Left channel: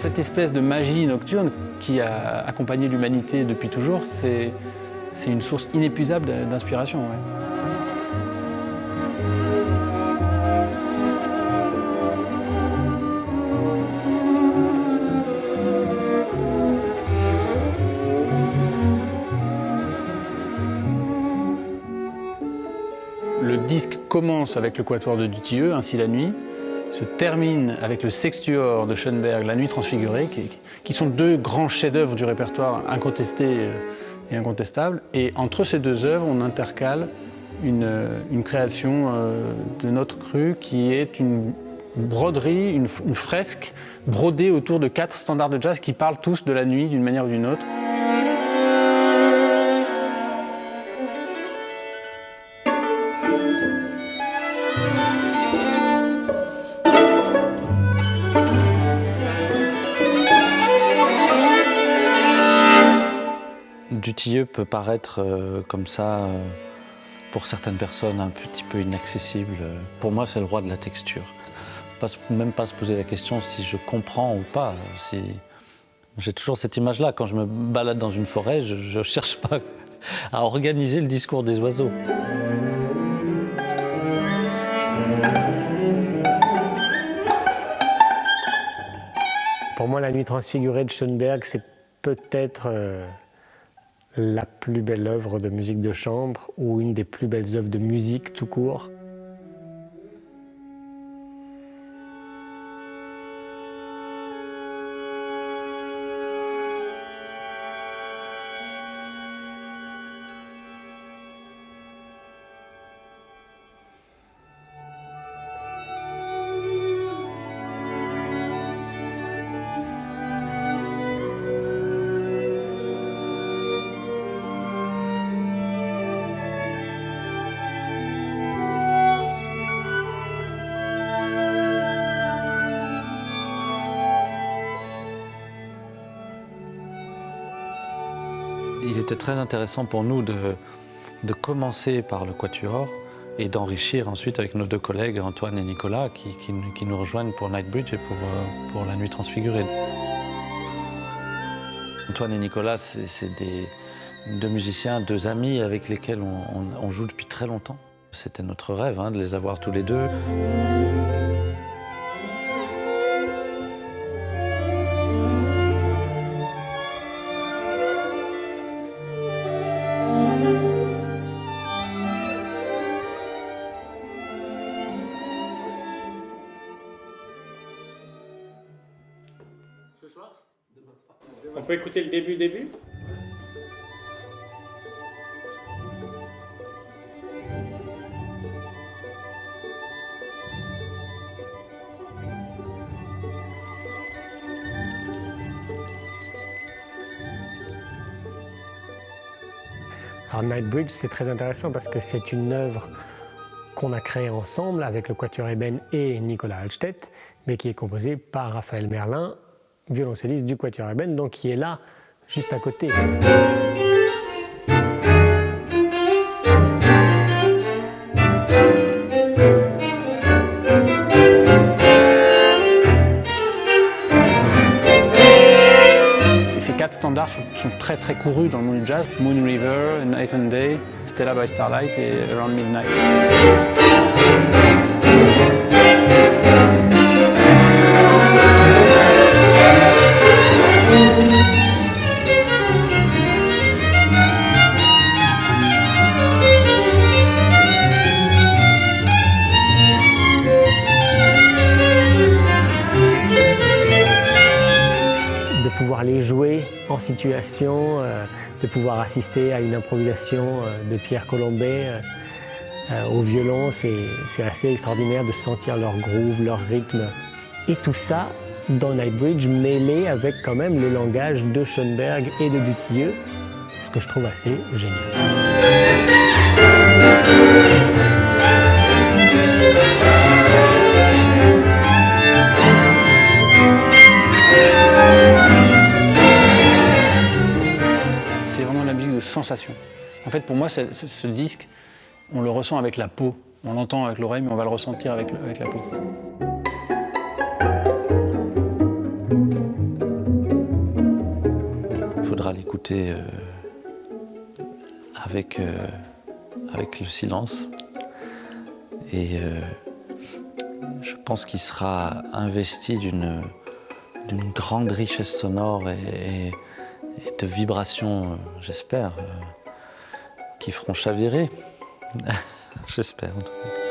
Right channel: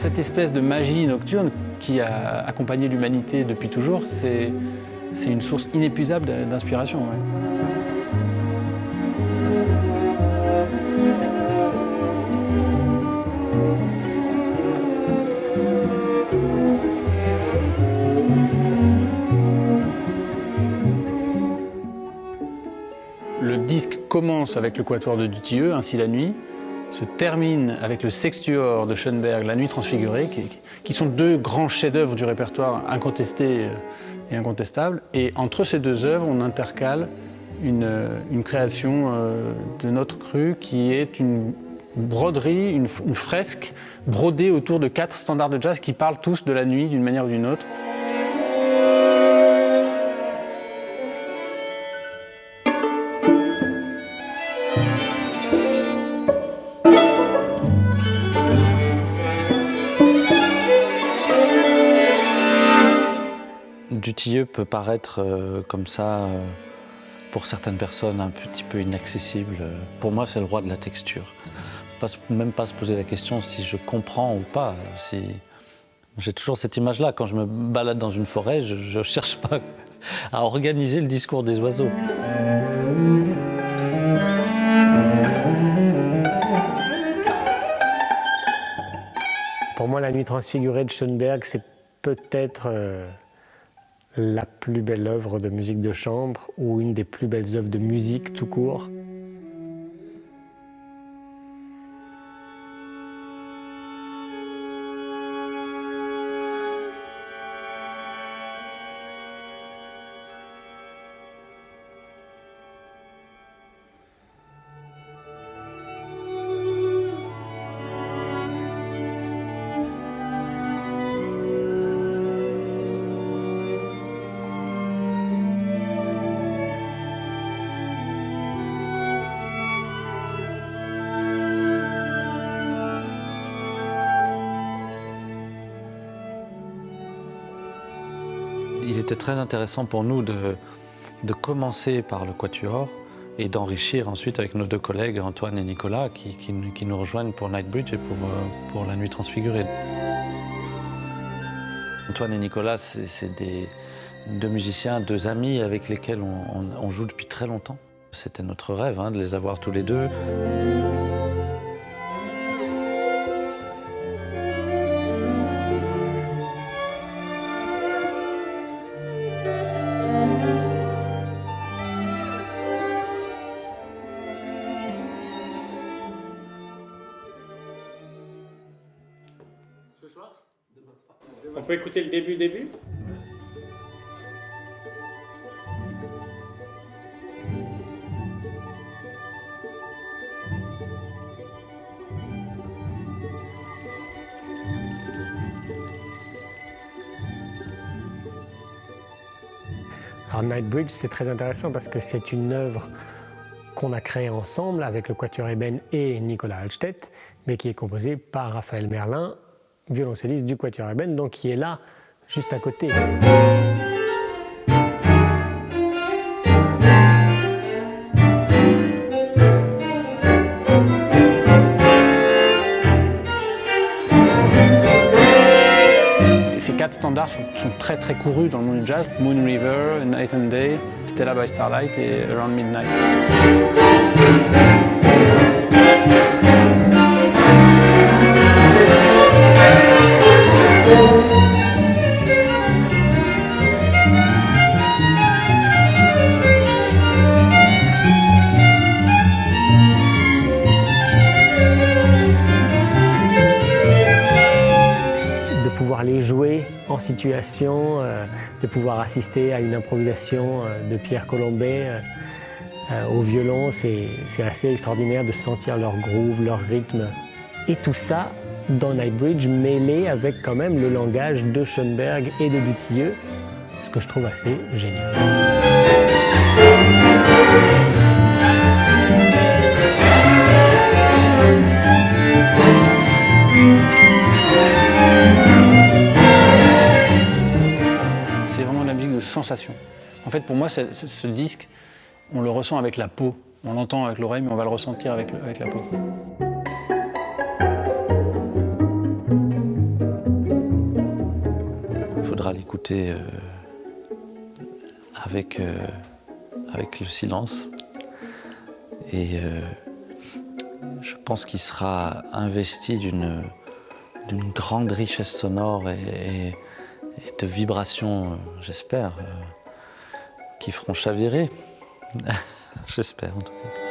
Cette espèce de magie nocturne qui a accompagné l'humanité depuis toujours, c'est une source inépuisable d'inspiration. Ouais. Le disque commence avec le quatuor de Dutilleux, Ainsi la nuit, se termine avec le sextuor de Schoenberg, La nuit transfigurée, qui sont deux grands chefs-d'œuvre du répertoire incontestés et incontestables. Et entre ces deux œuvres, on intercale une création de notre cru qui est une broderie, une fresque brodée autour de 4 standards de jazz qui parlent tous de la nuit d'une manière ou d'une autre. Dutilleux peut paraître comme ça, pour certaines personnes, un petit peu inaccessible. Pour moi, c'est le roi de la texture. Il ne faut même pas se poser la question si je comprends ou pas. J'ai toujours cette image-là. Quand je me balade dans une forêt, je ne cherche pas à organiser le discours des oiseaux. Pour moi, La nuit transfigurée de Schoenberg, c'est peut-être la plus belle œuvre de musique de chambre ou une des plus belles œuvres de musique tout court. Il était très intéressant pour nous de commencer par le quatuor et d'enrichir ensuite avec nos deux collègues Antoine et Nicolas qui nous rejoignent pour Nightbridge et pour La nuit transfigurée. Antoine et Nicolas, c'est deux musiciens, deux amis avec lesquels on joue depuis très longtemps. C'était notre rêve de les avoir tous les deux. Ce soir ? On peut écouter le début ? Alors Nightbridge, c'est très intéressant parce que c'est une œuvre qu'on a créée ensemble avec le Quatuor Eben et Nicolas Altstedt, mais qui est composée par Raphaël Merlin, violoncelliste du Quatuor Eben, donc qui est là, juste à côté. Ces 4 standards sont très très courus dans le monde du jazz. Moon River, Night and Day, Stella by Starlight et Around Midnight. De pouvoir les jouer en situation, de pouvoir assister à une improvisation de Pierre Colombet au violon, c'est assez extraordinaire de sentir leur groove, leur rythme. Et tout ça dans Nightbridge mêlé avec quand même le langage de Schoenberg et de Dutilleux, ce que je trouve assez génial. C'est vraiment de la musique de sensation. En fait, pour moi, ce disque, on le ressent avec la peau. On l'entend avec l'oreille, mais on va le ressentir avec la peau. faudra l'écouter avec le silence. Et je pense qu'il sera investi d'une grande richesse sonore et de vibrations, j'espère, qui feront chavirer. J'espère en tout cas.